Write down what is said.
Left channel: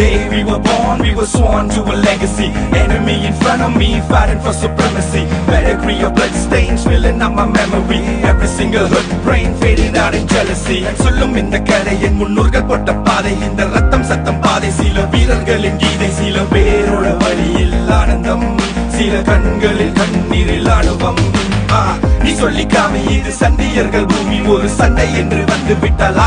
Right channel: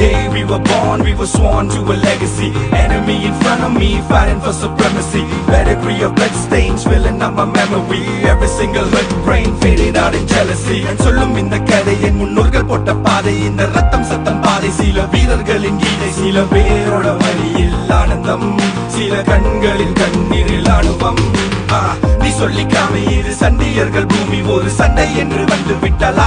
day we were born, we were sworn to a legacy. Enemy in front of me, fighting for supremacy. Pedigree of blood stains filling up my memory. Every single hurt brain faded out in jealousy. And சொல்லும் இந்த கதை என் முன்னோர்கள் போட்ட பாதை. இந்த ரத்தம் சத்தம் பாதை, சில வீரர்களின் கீதை. சில பேரோட வழியில் ஆனந்தம், சில கண்களின் கண்ணீரில் ஆணுவம். நீ சொல்லிக்காம இது சண்டியர்கள் பூமி, ஒரு சண்டை என்று வந்து விட்டால்